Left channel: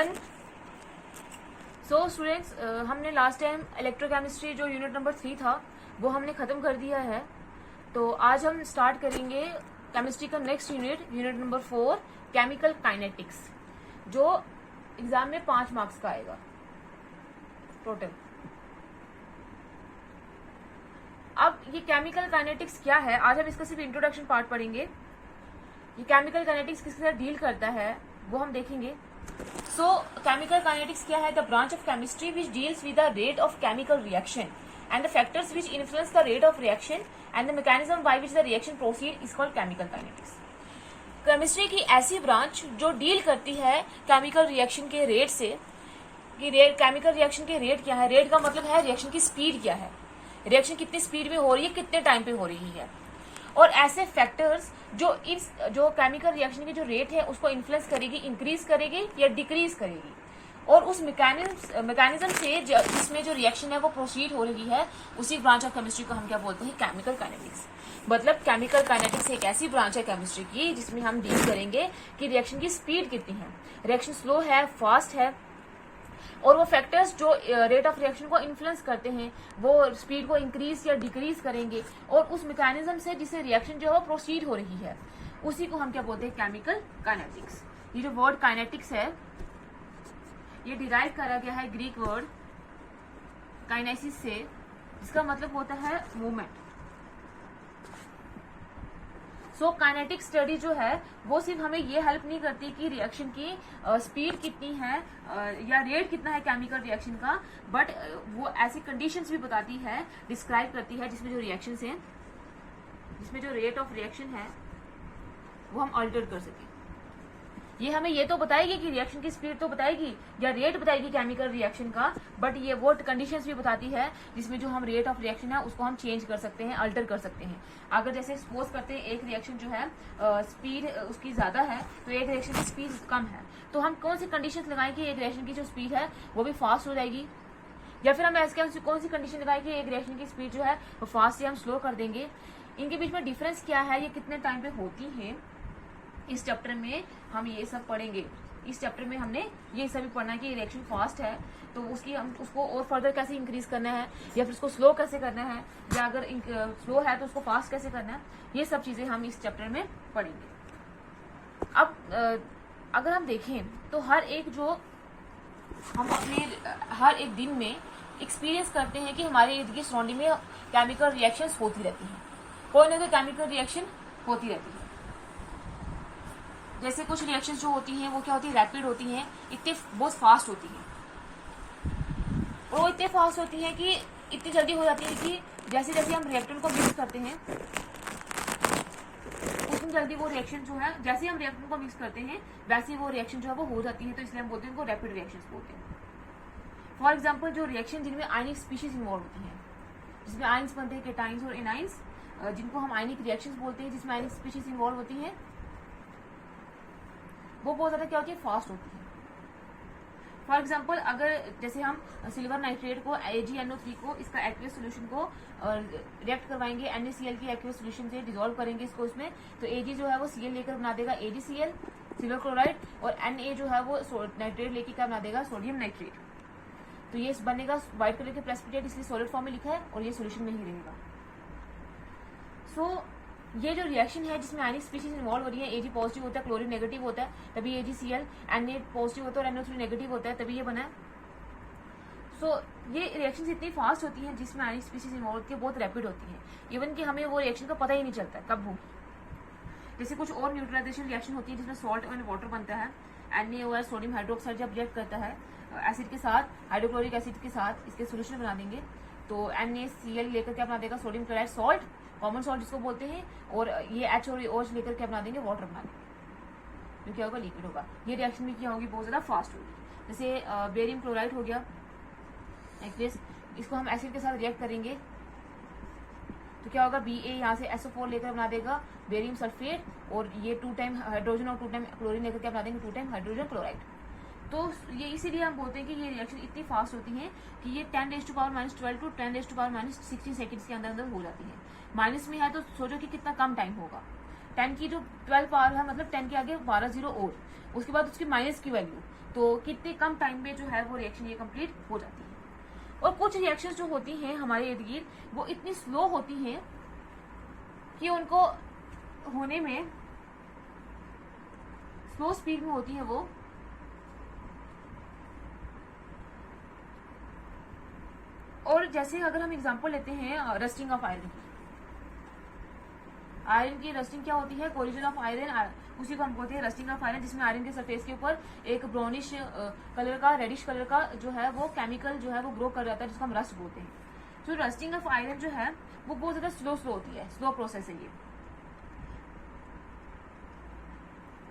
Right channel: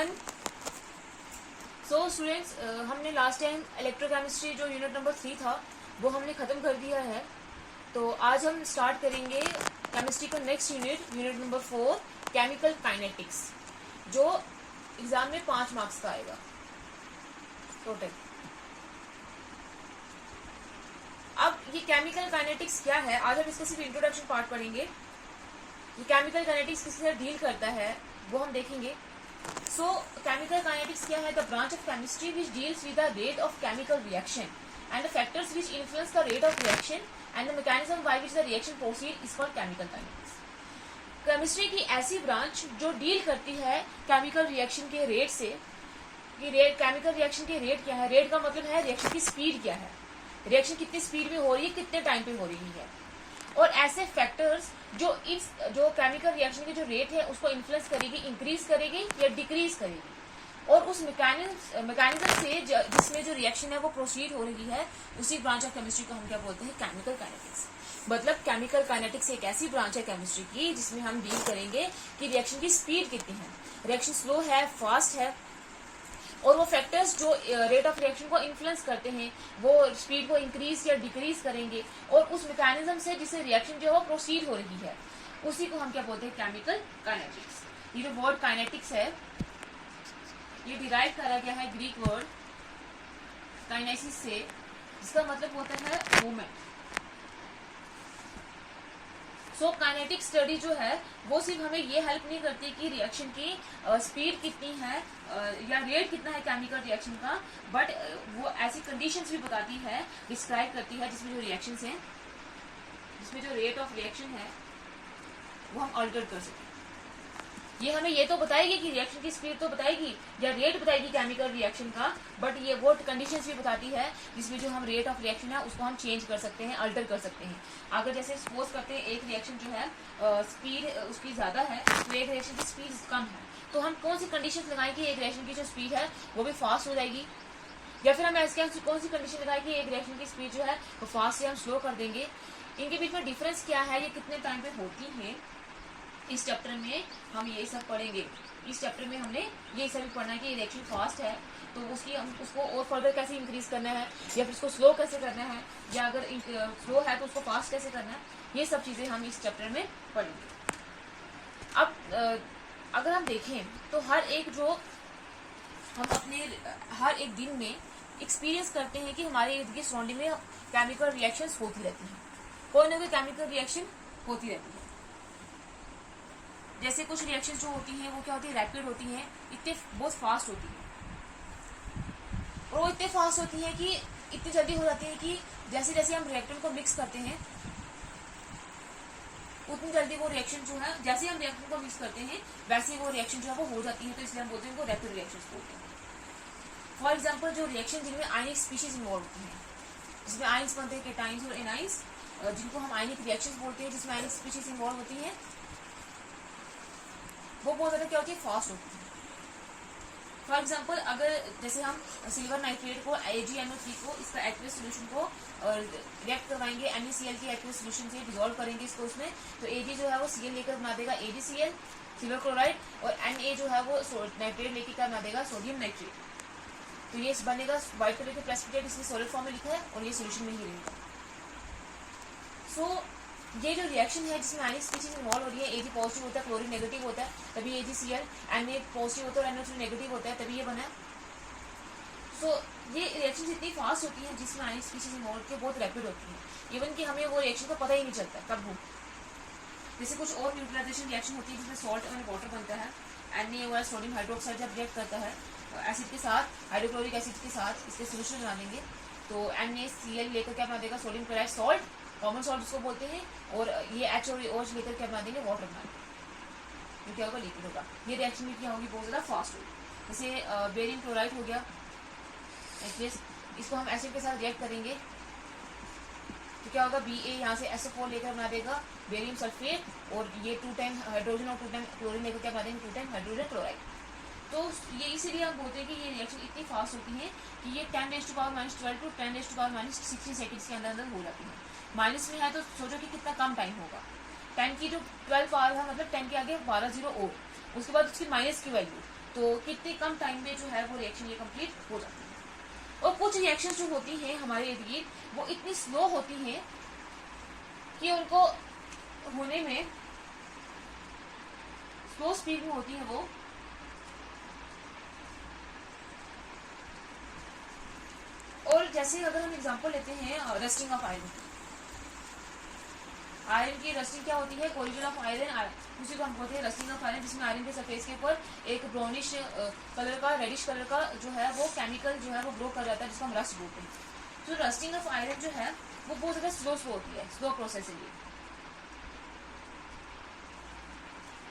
Everyone. So students, हमने last time electrochemistry जो unit number 3 था वो हमने ख़त्म कर दिया है। तो आज हम स्टार्ट करेंगे केमिस्ट्री का next unit number 4 chemical kinetics, जो एग्जाम में 5 मार्क्स का आएगा टोटल। अब ये केमिकल काइनेटिक्स क्या है, आज हम इसका सिर्फ इंट्रोडक्शन पार्ट पढ़ेंगे। ये केमिकल काइनेटिक्स किसके साथ डील करता है वो हम देखेंगे। सो केमिकल काइनेटिक्स क्या है? The branch of chemistry which deals with the rate of chemical reaction and the factors which influence the rate of reaction and the mechanism by which the reaction proceed is called chemical kinetics. Chemistry की ऐसी branch जो deal करती है chemical reaction के rate से। Chemical reaction के rate क्या है? रेट का मतलब है रिएक्शन की स्पीड क्या है, रिएक्शन कितनी स्पीड में हो रही है, कितने टाइम पे हो रही है, और ऐसे फैक्टर्स जो केमिकल रिएक्शन की जो रेट है उसको इन्फ्लुएंस करेगी, इंक्रीज करेगी या डिक्रीज करेगी, और उस मैकेनिज्म से जिसमें जो रिएक्शन है वो प्रोसीड हो रही है, उसी ब्रांच ऑफ केमिस्ट्री को हम क्या बोलते हैं? Chemical kinetics. मतलब केमिकल काइनेटिक्स एक ऐसी ब्रांच है केमिस्ट्री की जिसमें हम डील करेंगे कि रिएक्शन की स्पीड कितनी है, रिएक्शन स्लो है, फास्ट है, और वो फैक्टर्स जो रेट ऑफ रिएक्शन को इन्फ्लुएंस करते हैं वो स्पीड को इंक्रीज या डिक्रीज करेंगे, और उस मैकेनिज्म से जिससे रिएक्शन जो है वो प्रोसीड हो रही है उसी को हम क्या बोलते हैं? Chemical kinetics. ये जो वर्ड काइनेटिक्स है ये डिराइव करा गया है ग्रीक वर्ड काइनेसिस से, जिसका मतलब होता है मूवमेंट। सो काइनेटिक स्टडी जो है वो सिर्फ हमें ये हेल्प नहीं करती कि रिएक्शन की स्पीड कितनी है या रेट कितना है केमिकल रिएक्शन का, बट वो ऐसी कंडीशंस भी बताती है, डिस्क्राइब करती है जिसमें जो रिएक्शंस हैं, जिसमें जो रेट ऑफ रिएक्शन है वो हम अल्टर कर सकें। ये हमें ये तो बताएगी कि रिएक्शन की स्पीड तो बताएगी या रेट बताएगी केमिकल रिएक्शन का, बट ये वो कंडीशंस भी बताती है जिसमें जो हम रेट ऑफ रिएक्शन है उसको हम चेंज कर सकते हैं, अल्टर कर सकते हैं। अगर जैसे सपोज करते हैं एक रिएक्शन जो है स्पीड उसकी ज़्यादा है तो एक रिएक्शन की स्पीड कम है, तो हम कौन सी कंडीशंस लगाएं कि एक रिएक्शन की जो स्पीड है वो भी फास्ट हो जाएगी, या फिर हम ऐसे कौन सी कंडीशन लगाएं कि एक रिएक्शन की स्पीड जो है वो फास्ट या हम स्लो कर देंगे। इनके बीच में डिफरेंस क्या है, ये कितने टाइम पे होती है, इस चैप्टर में हम ये सब पढ़ेंगे। इस चैप्टर में हमने ये सब भी पढ़ना है कि रिएक्शन फास्ट है तो हम उसको और फर्दर कैसे इंक्रीज करना है, या फिर उसको स्लो कैसे करना है, या अगर स्लो है तो उसको फास्ट कैसे करना है, ये सब चीज़ें हम इस चैप्टर में पढ़ेंगे। अब अगर हम देखें तो हर एक एक दिन में एक्सपीरियंस करते हैं कि हमारे इर्द गिर्द सराउंडिंग में केमिकल रिएक्शंस होती रहती हैं, कोई ना कोई केमिकल रिएक्शन होती रहती है। जैसे कुछ रिएक्शंस जो होती हैं वो क्या होती है? रैपिड होती हैं, इतने बहुत फास्ट होती हैं, और वो इतने फास्ट होती हैं कि इतनी जल्दी हो जाती है कि जैसे जैसे हम रिएक्टेंट को मिक्स करते हैं उतनी जल्दी वो रिएक्शन जो है, जैसे हम रिएक्टेंट को मिक्स करते हैं वैसे वो रिएक्शन जो है वो हो जाती है, तो इसलिए हम बोलते हैं उनको रैपिड रिएक्शंस बोलते हैं। फॉर एग्जाम्पल जो रिएक्शन जिनमें आयनिक स्पीशीज इन्वॉल्व होती हैं, जिसमें आइंस बनते हैं, केटाइंस और एनाइंस, जिनको हम आयनिक रिएक्शंस बोलते हैं, जिसमें आयनिक स्पीशीज इन्वॉल्व होती हैं, वो बहुत ज़्यादा क्या होती है? फास्ट होती है। फॉर एग्जाम्पल अगर जैसे हम सिल्वर नाइट्रेट को AgNO3 को इसका एक्वेस सोल्यूशन को रिएक्ट करवाएंगे NaCl के एक्वेस सोल्यूशन से, डिजोल्व करेंगे इसको इसमें, तो Ag जो है वो Cl लेकर बना देगा AgCl सिल्वर क्लोराइड, और Na जो है वो नाइट्रेट लेकर क्या बना देगा? Sodium nitrate. तो ये बनेगा व्हाइट कलर का प्रेसिपिटेट, इसलिए सॉलिड फॉर्म में लिखा है, और ये सोल्यूशन में ही रहेगा। सो ये जो रिएक्शन है जिसमें आयनिक स्पीशीज इन्वॉल्व हो रही है, Ag पॉजिटिव होता है, क्लोरीन नेगेटिव होता है, तभी AgCl, Na पॉजिटिव होता है और NO3 नेगेटिव होता है, तभी ये बना है। सो ये रिएक्शन इतनी फास्ट होती हैं जिसमें आयनिक स्पीशीज इन्वॉल्व होती है, बहुत रैपिड होती है, इवन कि हमें वो रिएक्शन का पता ही नहीं चलता कब हो। जैसे कुछ और न्यूट्रलाइजेशन रिएक्शन होती है जिसमें सॉल्ट और वाटर बनता है, NaOH सोडियम हाइड्रोक्साइड जब रिएक्ट करता है एसिड के साथ, हाइड्रोक्लोरिक एसिड के साथ इसके सोल्यूशन बना देंगे, तो NaCl लेकर क्या बना देगा? Sodium chloride salt, common salt जिसको बोलते हैं, और ये H और OH लेकर क्या बना देंगे? वाटर बना देंगे। ये क्या होगा? लिक्विड होगा। ये रिएक्शन भी क्या होगी? बहुत ज़्यादा फास्ट होगी। जैसे बेरियम क्लोराइड हो गया एक्वेस, इसको हम एसिड के साथ रिएक्ट करेंगे तो क्या होगा? Ba यहाँ से SO4 लेकर बना देगा बेरियम सल्फेट, और ये 2 टाइम हाइड्रोजन और 2 टाइम क्लोरीन लेकर क्या बना देंगे? 2 टाइम हाइड्रोजन क्लोराइड। तो ये इसीलिए हम बोलते हैं कि ये रिएक्शन इतनी फास्ट होती है कि ये 10⁻⁻12 टू 10⁻60 सेकेंड्स के अंदर हो जाती है। माइनस में है तो सोचो कि कितना कम टाइम होगा। 10 की जो 12 पावर है, मतलब 10 के आगे 12 जीरो और उसके बाद उसकी माइनस की वैल्यू, तो कितने कम टाइम में जो है वो रिएक्शन ये कंप्लीट हो जाती है। और कुछ रिएक्शन जो होती हैं हमारे इर्द गिर्द वो इतनी स्लो होती हैं कि उनको होने में स्लो स्पीड में होती है वो, और जैसे अगर हम एग्जांपल लेते हैं रस्टिंग ऑफ आयरन, आयरन की रस्टिंग क्या होती है, कोरिजन ऑफ आयरन, उसी को हम बोलते हैं रस्टिंग ऑफ आयरन, जिसमें आयरन के सरफेस के ऊपर एक ब्राउनिश कलर का, रेडिश कलर का जो है वो केमिकल जो है वो ग्रो कर जाता है, जिसको हम रस्ट बोलते हैं। तो रस्टिंग ऑफ आयरन जो है वो बहुत ज्यादा स्लो होती है, स्लो प्रोसेस है ये।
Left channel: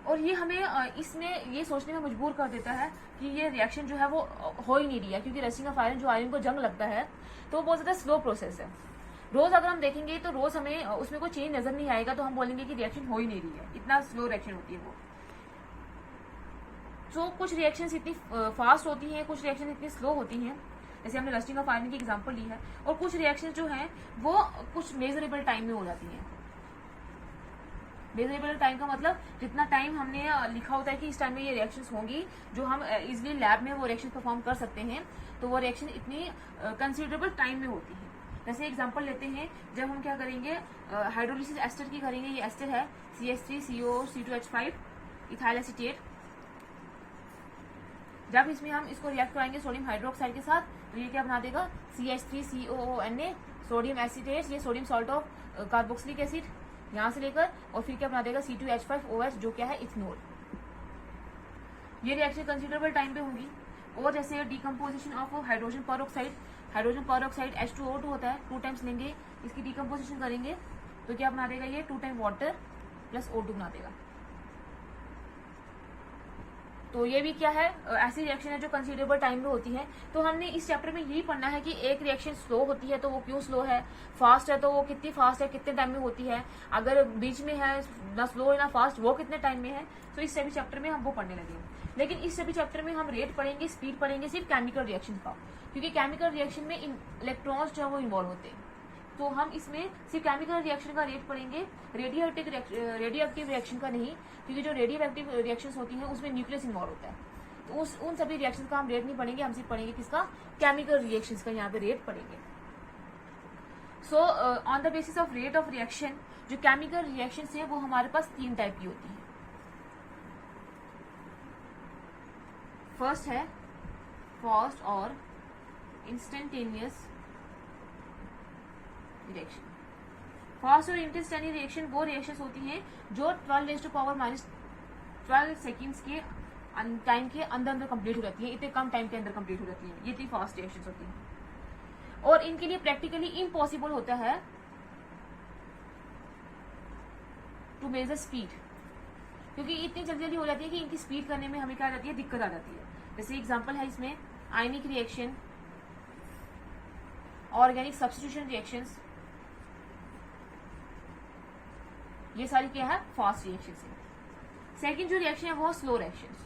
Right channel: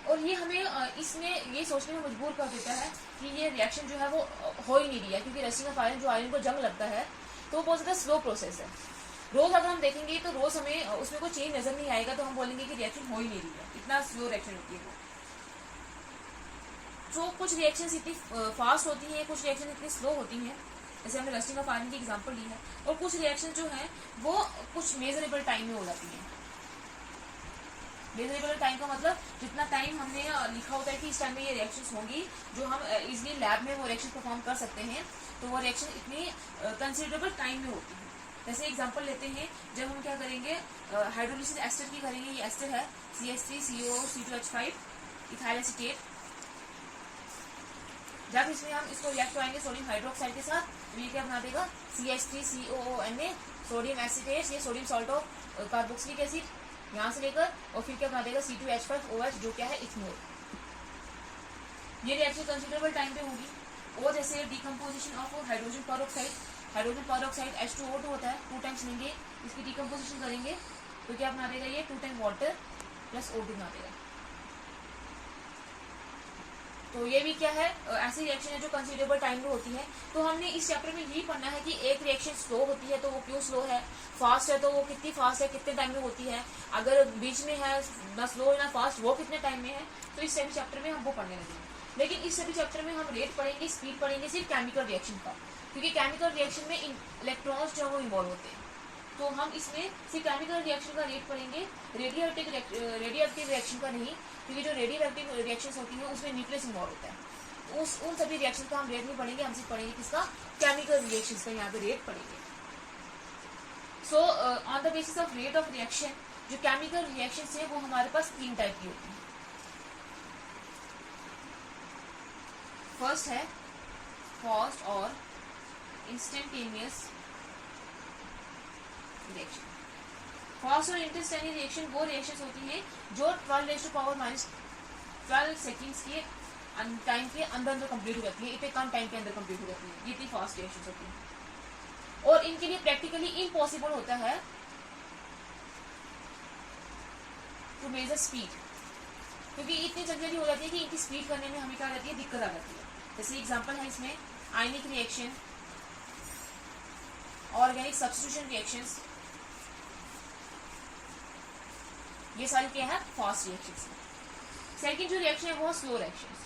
और ये हमें इसमें ये सोचने में मजबूर कर देता है कि ये रिएक्शन जो है वो हो ही नहीं रही है, क्योंकि रस्टिंग ऑफ आयरन, जो आयरन को जंग लगता है, तो वो बहुत ज़्यादा स्लो प्रोसेस है। रोज अगर हम देखेंगे तो रोज हमें उसमें कोई चेंज नजर नहीं आएगा, तो हम बोलेंगे कि रिएक्शन हो ही नहीं रही है, इतना स्लो रिएक्शन होती है वो। तो कुछ रिएक्शंस इतनी फास्ट होती हैं, कुछ रिएक्शन इतनी स्लो होती हैं, जैसे हमने रस्टिंग ऑफ आयरन की एग्जांपल ली है। और कुछ रिएक्शन जो हैं वो कुछ मेजरेबल टाइम में हो जाती हैं। मेजरेबल टाइम का मतलब जितना टाइम हमने लिखा होता है कि इस टाइम में ये रिएक्शंस होंगी, जो हम इजीली लैब में वो रिएक्शन परफॉर्म कर सकते हैं, तो वो रिएक्शन इतनी कंसिडरेबल टाइम में होती है। जैसे एग्जांपल लेते हैं, जब हम क्या करेंगे, हाइड्रोलिसिस एस्टर की करेंगे, ये एस्टर है CH3CO C2H5 इथाइल एसीटेट। जब इसमें हम इसको रिएक्ट कराएंगे सोडियम हाइड्रोक्साइड के साथ, तो ये क्या बना देगा, CH3COONA सोडियम एसीटेट, ये sodium salt of carboxylic acid यहाँ से लेकर, और फिर क्या बना देगा C2H5OH, जो क्या है इथेनॉल। ये रिएक्शन कंसिडरेबल टाइम पे होगी। और जैसे decomposition of hydrogen peroxide, hydrogen peroxide H2O2 होता है, 2 टाइम्स लेंगे, इसकी डिकम्पोजिशन करेंगे तो क्या बना देगा, ये 2 टाइम वाटर प्लस O2 बना देगा। तो ये भी क्या है, ऐसी रिएक्शन है जो कंसिडरेबल टाइम में होती है। तो हमने इस चैप्टर में यही पढ़ना है कि एक रिएक्शन स्लो होती है तो वो क्यों स्लो है, फास्ट है तो वो कितनी फास्ट है, कितने टाइम में होती है, अगर बीच में है ना स्लो ना फास्ट, वो कितने टाइम में है। तो इस सभी चैप्टर में हम वो पढ़ने लगे हैं। लेकिन इस सभी चैप्टर में हम रेट पढ़ेंगे, स्पीड पढ़ेंगे सिर्फ केमिकल रिएक्शन का, क्योंकि केमिकल रिएक्शन में इलेक्ट्रॉन्स जो है वो इन्वॉल्व होते हैं। तो हम इसमें सिर्फ केमिकल रिएक्शन का रेट पढ़ेंगे, रेडियोएक्टिव रिएक्शन का नहीं, क्योंकि जो रेडियोएक्टिव रिएक्शंस होती हैं उसमें न्यूक्लियस इन्वॉल्व होता है। उन सभी रिएक्शन का हम रेट नहीं पढ़ेंगे, हम सिर्फ पढ़ेंगे किसका, केमिकल रिएक्शंस का यहाँ पे रेट पढ़ेंगे। So on the basis of rate of reaction, जो केमिकल रिएक्शंस हैं वो हमारे पास 3 टाइप की होती हैं। फर्स्ट है फास्ट और इंस्टेंटेनियस रिएक्शन। फास्ट और इंस्टेंटेनियस रिएक्शन वो रिएक्शंस होती हैं जो 12⁻⁻12 सेकेंड्स के टाइम के अंदर कंप्लीट हो जाती है, इतने कम टाइम के अंदर कंप्लीट हो जाती है, ये इतनी फास्ट रिएक्शंस होती हैं। और इनके लिए प्रैक्टिकली इम्पॉसिबल होता है टू मेजर स्पीड, क्योंकि इतनी जल्दी जल्दी हो जाती है कि इनकी स्पीड करने में हमें क्या आ जाती है, दिक्कत आ जाती है। जैसे एग्जांपल है इसमें आयनिक रिएक्शन, ऑर्गेनिक सब्स्टिट्यूशन रिएक्शंस, ये सारी क्या है, फास्ट रिएक्शंस। सेकंड जो रिएक्शन है वो स्लो रिएक्शंस।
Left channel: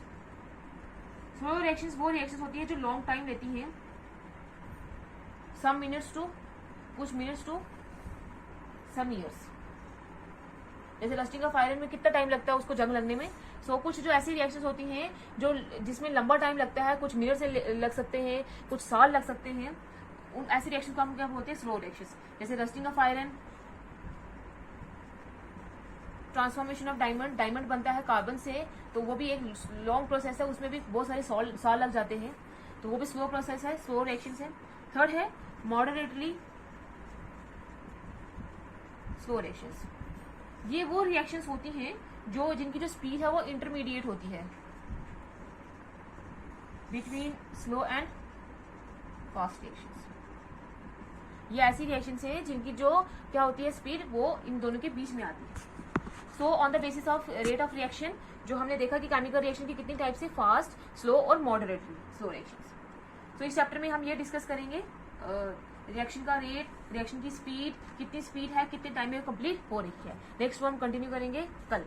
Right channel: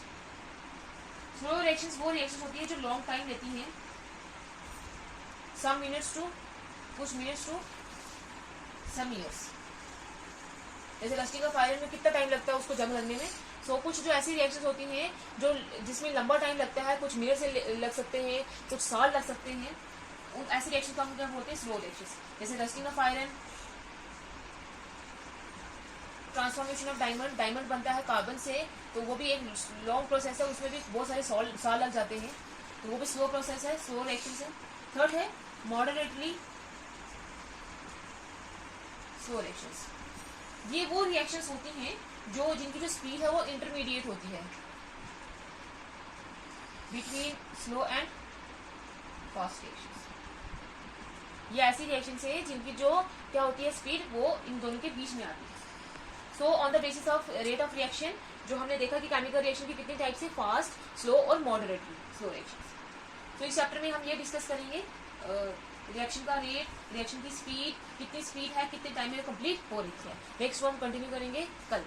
स्लो रिएक्शंस वो रिएक्शंस होती है जो लॉन्ग टाइम लेती हैं, सम मिनट्स टू कुछ मिनट्स टू सम ईयर्स। जैसे रस्टिंग ऑफ आयरन में कितना टाइम लगता है उसको जंग लगने में। सो कुछ जो ऐसी रिएक्शंस होती हैं जो जिसमें लंबा टाइम लगता है, कुछ मिनट से लग सकते हैं, कुछ साल लग सकते हैं, उन ऐसी रिएक्शन को हम क्या बोलते हैं, स्लो रिएक्शंस। जैसे rusting of iron, transformation of diamond, diamond बनता है कार्बन से, तो वो भी एक लॉन्ग प्रोसेस है, उसमें भी बहुत सारे साल लग जाते हैं, तो वो भी स्लो प्रोसेस है, स्लो रिएक्शंस है। थर्ड है मॉडरेटली स्लो रिएक्शंस। ये वो रिएक्शंस होती हैं जो जिनकी जो स्पीड है वो इंटरमीडिएट होती है between slow and fast reactions. ये ऐसी रिएक्शंस है जिनकी जो क्या होती है स्पीड, वो इन दोनों के बीच में आती है। So on the basis of rate of reaction, जो हमने देखा कि केमिकल रिएक्शन की कितनी टाइप से, फास्ट, स्लो और मॉडरेटली स्लो रिएक्शंस। तो इस चैप्टर में हम ये डिस्कस करेंगे रिएक्शन का रेट, रिएक्शन की स्पीड, कितनी स्पीड है, कितने टाइम में कंप्लीट हो रही है। नेक्स्ट वो हम कंटिन्यू करेंगे कल।